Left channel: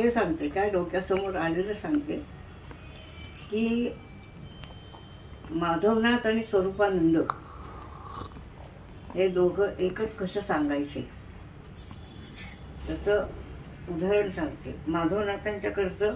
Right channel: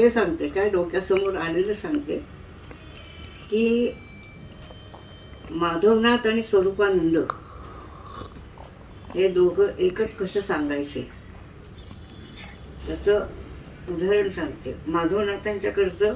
हे सांगते, काय डोक्यासमोर आलेलं सांगते की माधवनाथ आणि स्वरूपानंद हे दोघं एकच कसं सांगायचे त्याचं उदाहरण सांगते. माधवनाथांच्याकडचं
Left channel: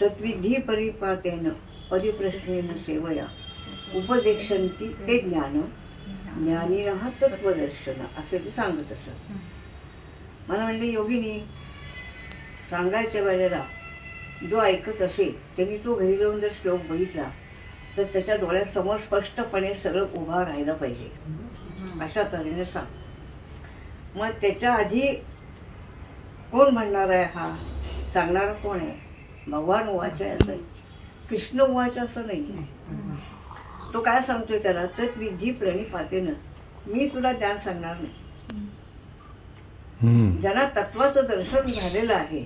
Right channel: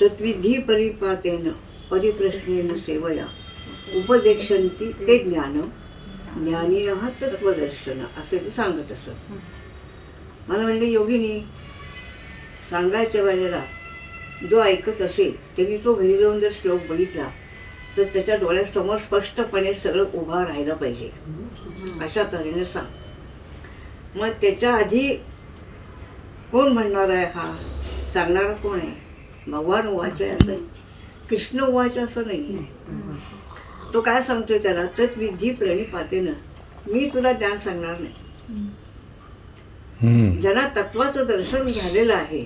तत्विधी परिपातेन परिप्रश्नेन सेवया उपदेक्षन्ति ते ज्ञान ज्ञानिनः तत्वदर्शन असे ते सांगत असत. मला म्हणले योगिनी सांगायच्या वेळेला जो ऐकत असेल त्यांनी तो घरी जाऊन जर श्लोक बघितला तर त्याच्या डोळ्यासमोर स्पष्टपणे सगळं उभा राहिलं पाहिजे अशा तऱ्हेने सांग. मग त्याच्या आधी कोण म्हणणार आहे, हा सांगणारा कोण आहे? भगवान उवाच आहे असं, कृष्ण उवाच असं नाही. तो काय सांगतोय त्याला, तत्विधी प्रणिपातेनं मी तुला ज्ञान सांगणार नाही. ज्यांना तत्वाचं दर्शन झालेलं आहे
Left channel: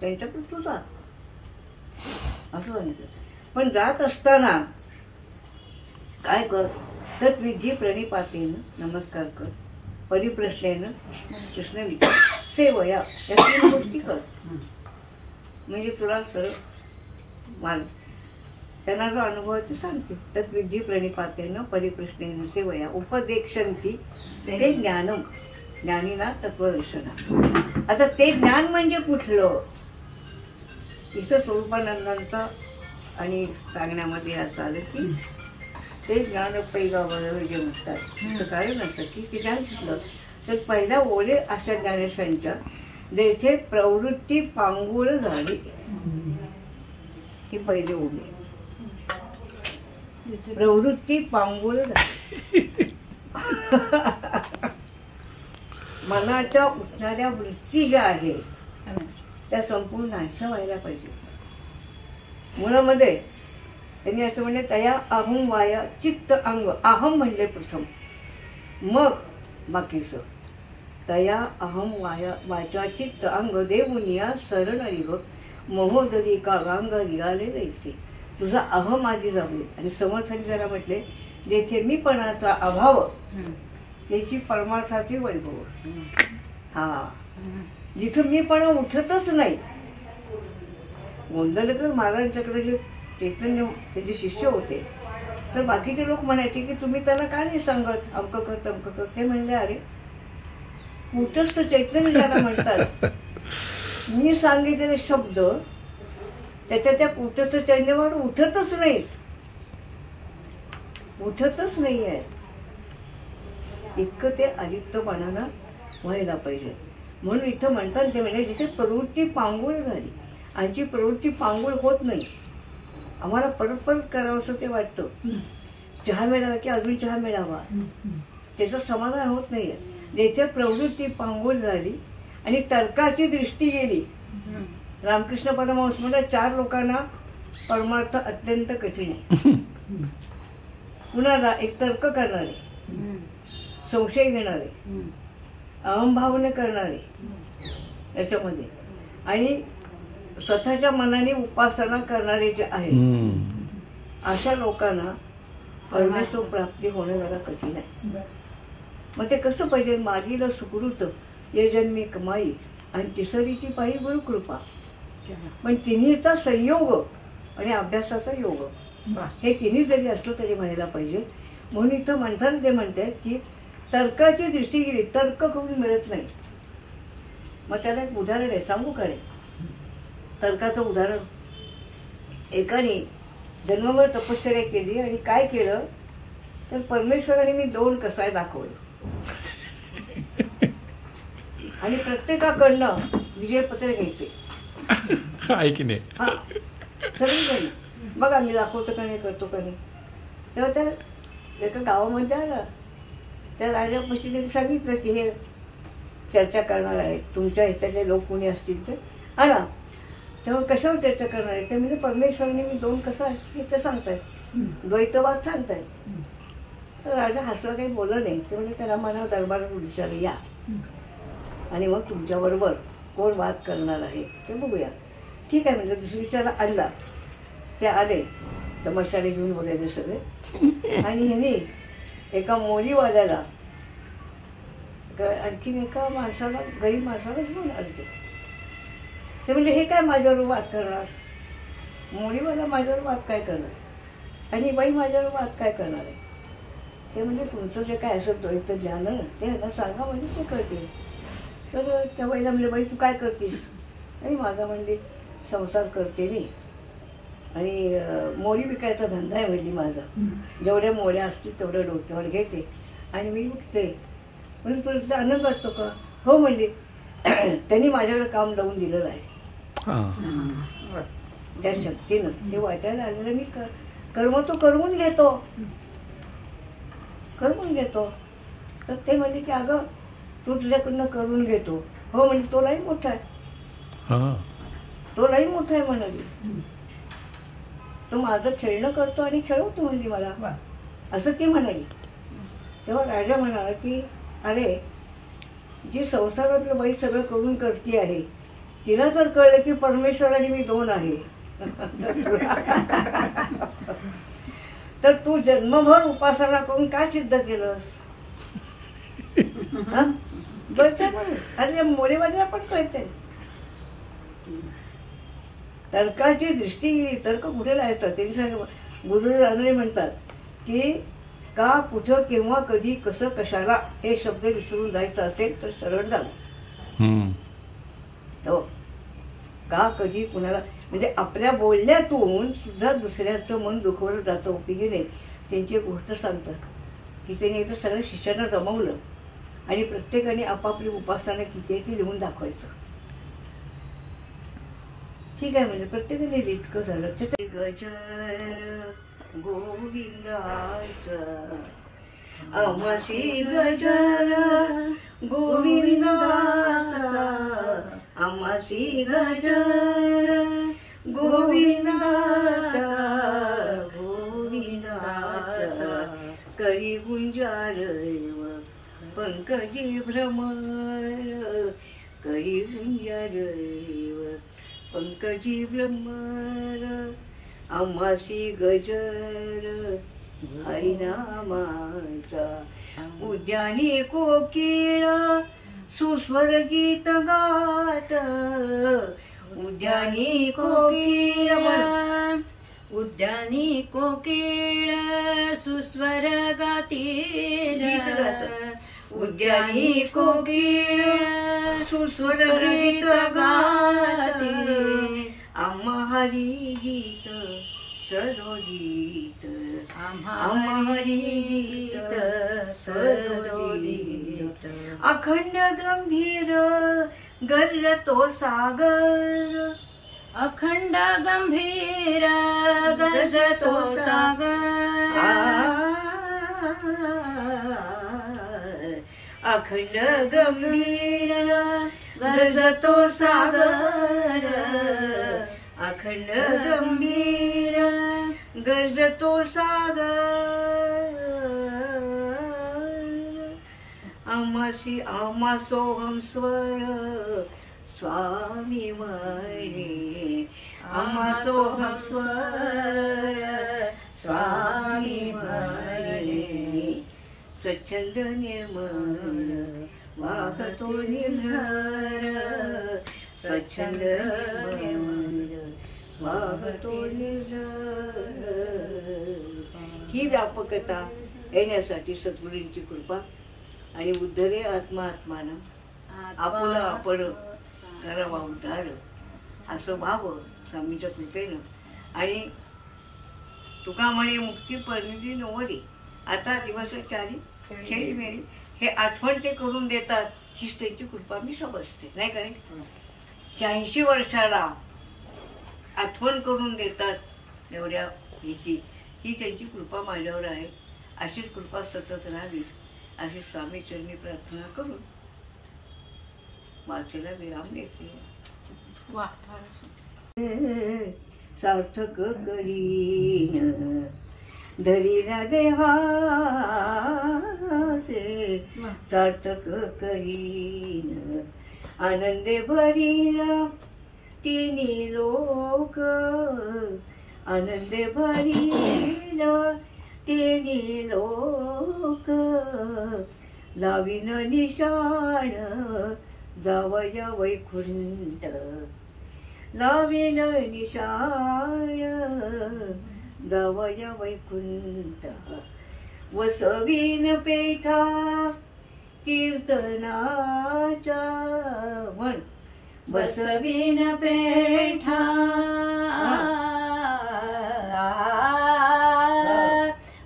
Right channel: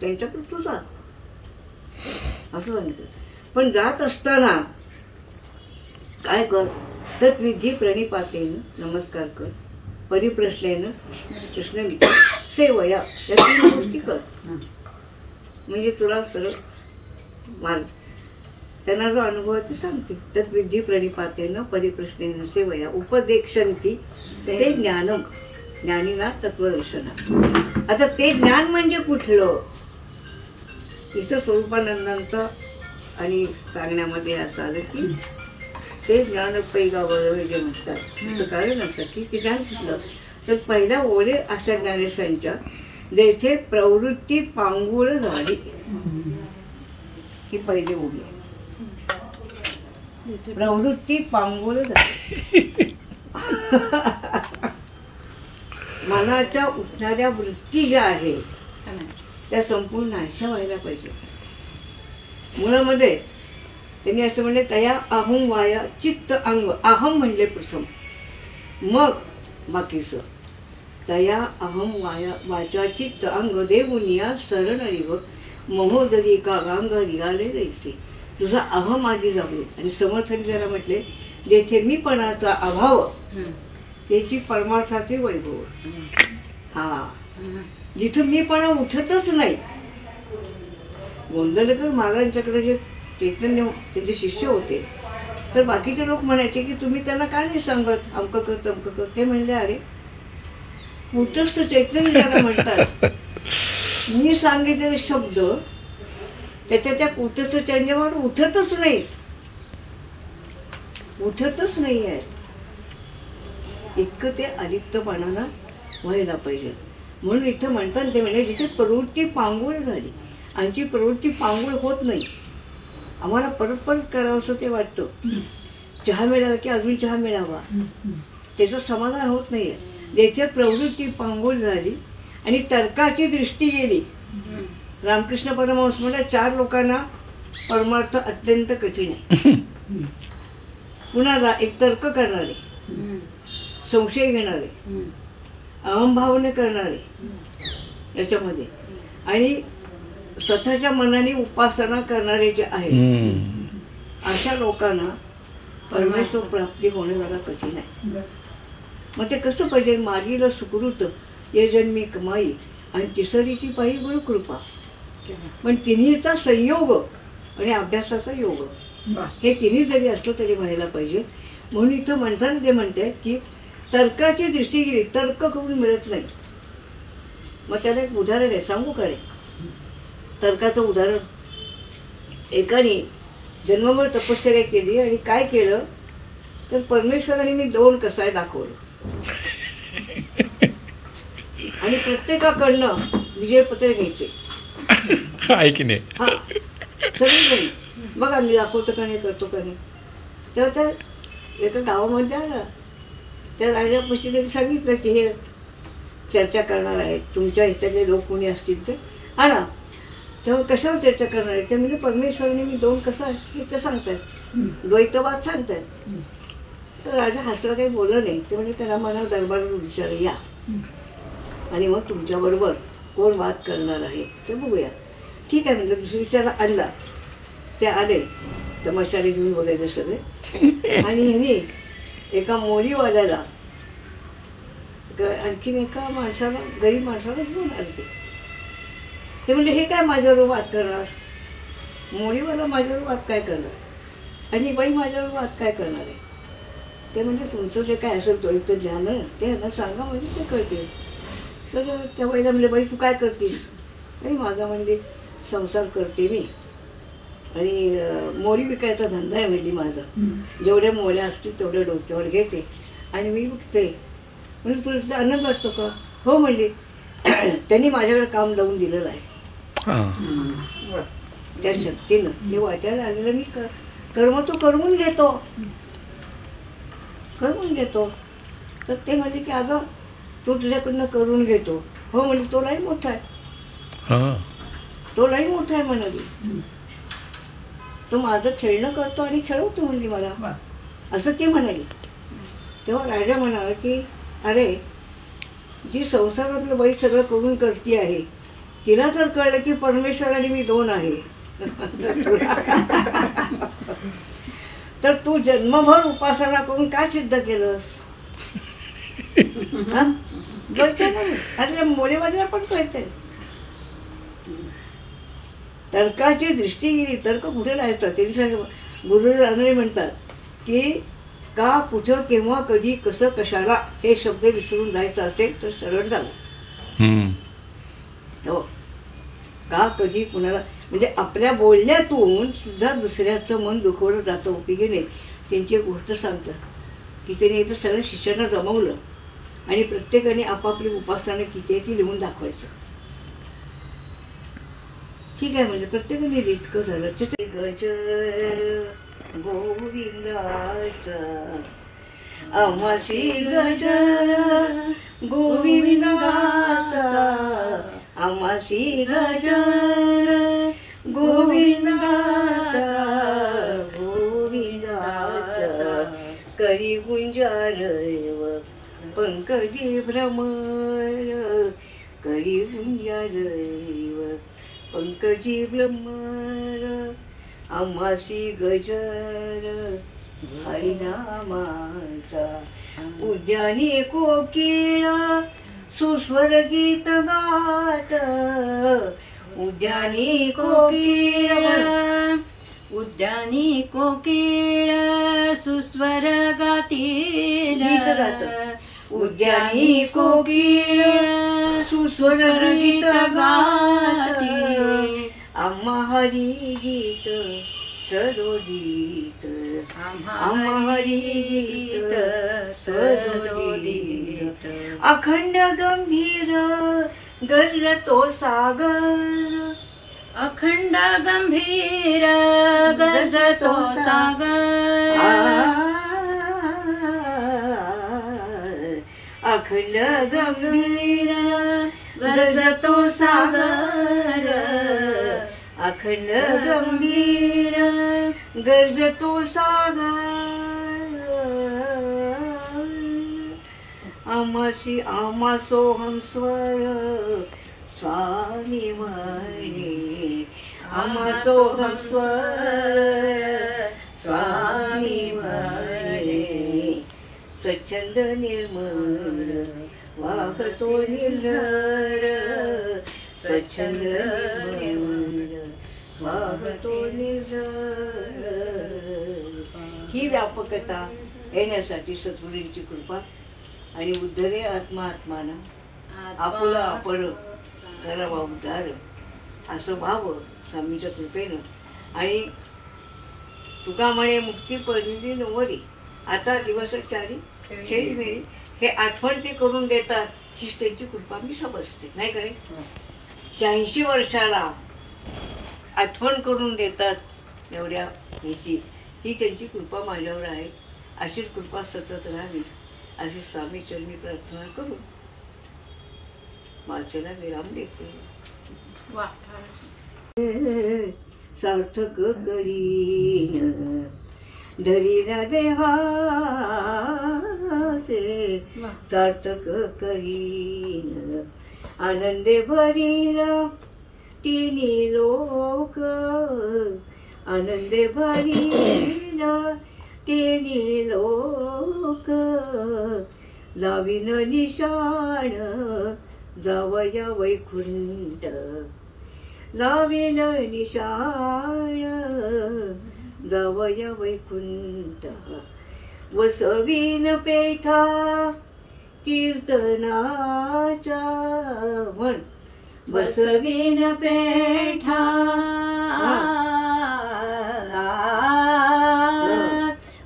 त्यांच्याकडे तू जा असं सांगितलं. पण जात असताना काय कर, तत्विधी प्रणिपातेनं नमस्कार कर, परिप्रश्नेनं प्रश्न विचार, सेवया या 3 गोष्टी कर म्हणजे तुला सरळ मार्ग. त्यांना जो अनुभव आहे ते सांगते. तत्विधी प्रणिपातेनं परिप्रश्नेनं सेवया उपदेक्षन्ति ते ज्ञानम ज्ञानिना तत्वदर्शना. आता ते ज्ञान म्हणजे कुठलं, इथं स्वरूपानंदांचं आणि सांगण्यामध्ये असं आलं की ते ज्ञान पैगावर जे म्हणतात असं कारण असं की ते ज्ञान कुठलं, तर पहिल्या ओळे अशा ज्ञानेश्वरांच्या जेथे प्रवृत्ती पांगुळ झाली, ही पहिली ओळी आहे. प्रवृत्ती पांगुळ झाली मनाच्या उठणाऱ्या वृत्ती ज्या आहेत त्या संपूर्ण नाश व्हायला पाहिजे. मुळामध्ये त्यांनी असं म्हणले, तया अहम वाया चित्त अंग. अहम म्हणले प्रथम, मग बाकीचं. तया अहम वाया वाचा चित्त अंग देवुनिया शरण रिग महोदरी का गांग रिगाले जायचे. तुझा अहम आधी जाऊ. आणि समर्थन जरा म्हटले, जेथे मीपणाचा अभाव त्याची परमार्थाचे वैभव. हा जिथं मीपणा उठतच नाही. गोंदवलेकर महाराजांच्याकडे जे चैतन्य त्याचे शिष्य होते तर बाकीचे लोक म्हणायचे की तुम्ही त्यांना काय नाही सांगत, अमकं कर तमकं कर. ते म्हणले, अरे कुटस्थ चैतन्य ज्याला म्हणतात, मी सांगितलेले शब्द त्याच्या त्या कुटस्थ चैतन्यावर उठतच नाहीत, उठतच नाही आहेत. इतकं ते अलिप्तपणाला व्हायला पाहिजे. म्हणून इथं म्हणतात ते म्हणजे जिथे प्रवृत्ती पांगुळ झाली, आमची प्रवृत्ती पांगुळ होत नाही, आम्हाला परत परत करावं असं ते वाटतं. चहा मिळाला की अजून चहा मिळावा, त्याचं समाधान होत नाही आहे. जेथे प्रवृत्ती पांगुळ झाली आणि तर्काची दृष्टी गेली. रामकृष्ण परमहंस म्हणजे 4 लोकांना परमार्थ अत्यंत कठीण आहे. पुन्हा एक तर्क करणारे, संशय घेणारे, अहंभावने करणारे याच्यामध्ये, आणि स्वतःच्या मनाने उपासना करणारे जे आहेत अशा लोकांना परमेश्वर प्राप्ती होणे जरा कठीण आहे. मग ते कसं पाहिजे, मागील सुकृत ये जन्मी कमाई आणि तिसरीची पायी गुरुकृपा. पण तिन्हीचा संयोग आणि अभ्यासाचा योग हे तिन्ही जरी असलं तरी व्हायला पाहिजे. म्हणून इथं म्हणताना ते म्हणतात की तर्काची दृष्टी गेली, तर्क करून मिळत नाही. मग त्याला एक उदाहरण आहे, सांगू का रे तर्काचं उदाहरण. एकाने जन्मभर तपश्चर्या केली आणि काय केलं तर परमेश्वराने मी 2 कसाय दाखवले आणि प्रत्येकाकडनं विजयपत्र घ्यायचे. ऐक नाही हा सगळीकडे बघा मी दाखवतो का नाही, करतो का नाही. तेव्हा त्या एका गावामध्ये आला, त्या राजापाशी त्यांनी सांगितलं की हे चर्चा करणार आहेत, तुमच्या हिताचे लोक कोणी असतील ते आणा. तेव्हा कशावर चर्चा करणार आहे ते म्हणजे परमेश्वराने मी 2 कसा आहे हे ते सांगतात, द्वैतवाद सांगतात. राजा हसला, काही बोललं नाही. ते म्हणजे त्याला मला दरबारात विचारलं या आणि मग तुमच्याबरोबर कोण वाद करणार आहे ते बघूया. ठीक आहे म्हणजे दुसरी विचारा आणला. ते आले तर मशाली घेऊन वगैरे सगळे. आणि ह्यानी एका मोरीवाल्याला आणखीन एका माणसाला, गरीब माणसाला घेऊन आले ते. ते म्हणजे हे काय माझ्यावर वाद करणार, मोडीवाला माझ्यावर वाद काय करणार आणि बाई माझ्यावर वाद काय करणार आहे. ते म्हणजे तुमचं जे काय असेल तो ज्ञान ते ह्यांना सांगा म्हणजे ते कळते. तर त्या बाईला म्हणजे बाई तू काय करतेस, नाही माझा म्हणजे संसार करते मी आणि मोडी विकायचा धंदा आहे म्हणजे माझा. जेवढ्या मोड्या असतील तेवढ्या डोक्यावर घेते आणि मी विकते. म्हणजे तुला तिचा आनंद वाटतो का? हो म्हणजे त्यांनी माझ्याकडे काम लावून दिलेलं आहे. त्या शक्तीनं ते वाटायला आलेलं मी कर्म तो करवून घेतो. तर ते म्हणजे की अगं तू तुझ्याकडनं करून घेतो. हो म्हणजे तो लई मोठा आहे, म्हणाली. तो माझं खेळणं करतो आणि खेळवतो म्हणजे मला, असं ती म्हणाली. तेव्हा राजा म्हणाला की अरे जी संसारातलं बाई सगळं करून करते आहे तिला जर कळलं की परमेश्वर आणि मी दोन आहे तर तू जन्मभर उपासना करून काय सिद्ध केलंस? अरे मोरेवाल्याला पण कळते. तर्काची दृष्टी गेली, तर्क कुठे लायतात ते गुरु रानडे म्हणतात की का कुठं केव्हा कधी कसं कशाला हे शब्द विसरून जायचं असेल तर सरळ झालं. हो का कधी कुणाला म्हणजे आपल्या बोलण्यातून सुद्धा दुसऱ्याचं मन दुखवलं जातं. उपयोगी नाही. त्यांची एक गोष्ट सांगतात की त्याने इथं सगळ्या शिष्यांना जमवलं आणि प्रत्येकाने आपापली उपासना किती आहे ती लिहून दाखवायचं. ठीक आहे म्हणजे प्रत्येकाने इतकं झालं. गजर गोविंदाचा आम्हासी गजर गोविंदाचा आम्हासी गजर गोविंदाचा करी गुंजारव पंकजी भ्रमर करी गुंजारव पंकजी भ्रमर आम्हासी गजर हरिनामाचा उद्यानी कोकिळ सुस्वर गीत गात उद्यानी कोकिळ सुस्वर गातील उद्यानी कोकिळ सुस्वर गीत गाती आम्हा हरी गीत सरोदित आम्हा हरी गीत सरोदित अखंड गंभीर गरजतो सागर अखंड गंभीर गरजतो सागर अखंड गंभीर गरजतो सागर अखंड गंभीर गरजतो सागर आमासोहम स्वर स्वामी म्हणे आमासोहम स्वर स्वामी म्हणे स्वच्छंद निर्मळ वाहतो निर्झर स्वच्छंद निर्मळ वाहतो निर्झर. ही व्यापकता येण्यासाठी सद्गुरूंची कृपा आणि उद्धरे आत्मा आत्मानं आपुला आपण करावा उद्धार असं व्हावं स्वामीच्या कृपेनं. आणि तुका म्हणे मुक्ती परिधी नवरी आता दिवस चारी खेळी मेळी हे आठवण ते करून देतात. हीच त्यांची कृपा मी समजते नाही का. 86 वर्षाला आठवण करून देतात एवढ्या ह्याची ही त्यांची कृपा माझ्यावर आहे. अशीच कृपा सतत राहावी अशी स्वामी चरणी प्रार्थना करून वाचनाला विराम देते. सार्थक करीन धरीना देहासे सार्थक करीन आनंदे भरीन तिन्ही लोक आनंदे भरीन तिन्ही लोक लावीन निशाण जावया वैकुंठ लावीन निशाण जावया वैकुंठ वसवीन पेठा कीर्तनाच्या म्हण बसवीन पेठा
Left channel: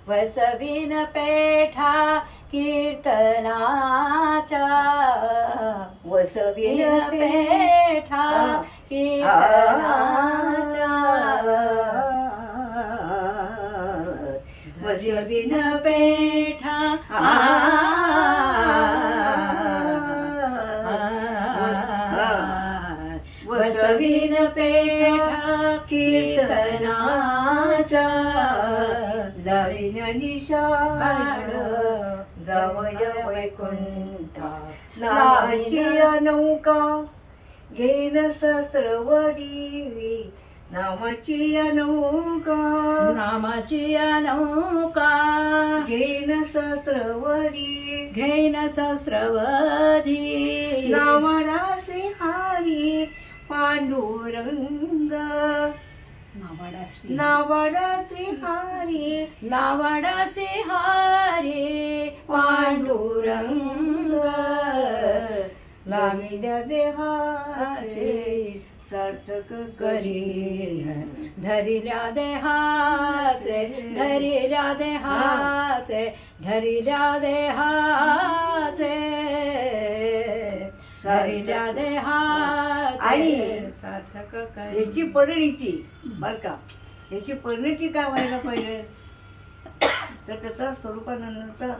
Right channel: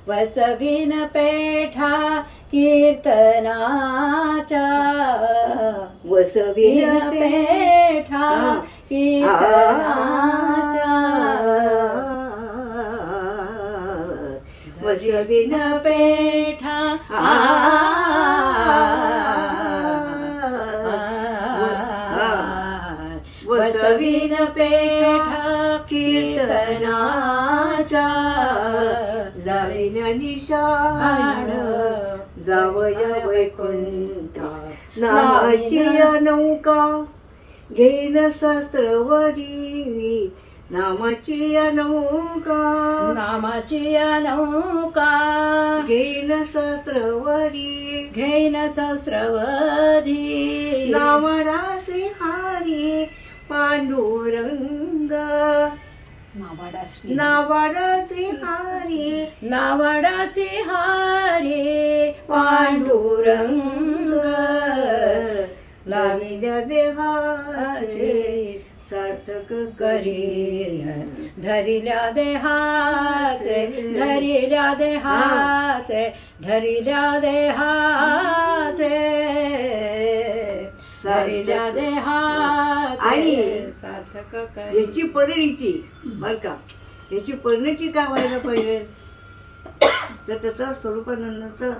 बसवीन पेठा कीर्तनाच्या वसवीन पेठा कीर्तनाच्या वसवीन पेठा वसवीन पेठा कीर्तनाच्या लावीन निशाण जावया वैकुंठ नामाची नौका घेन सहस्रवरी नामाची नौका नामाची नौका घेन सहस्रवरी घेन सहस्रवधी नावडासे हारी पांडुरंग नावडासे हारी नावडासे हारे पांडुरंग लाविल्या देहाचे सार्थक करीन धरिल्या देहाचे धरिल्या देहाचे धरिल्या देहाचे धरिल्या देहाचे आणि सार्थक करीन. याची परिणिती बर का, याची परिणिती काय व्हायला पाहिजे तर त्याचा स्वरूपानंदाचा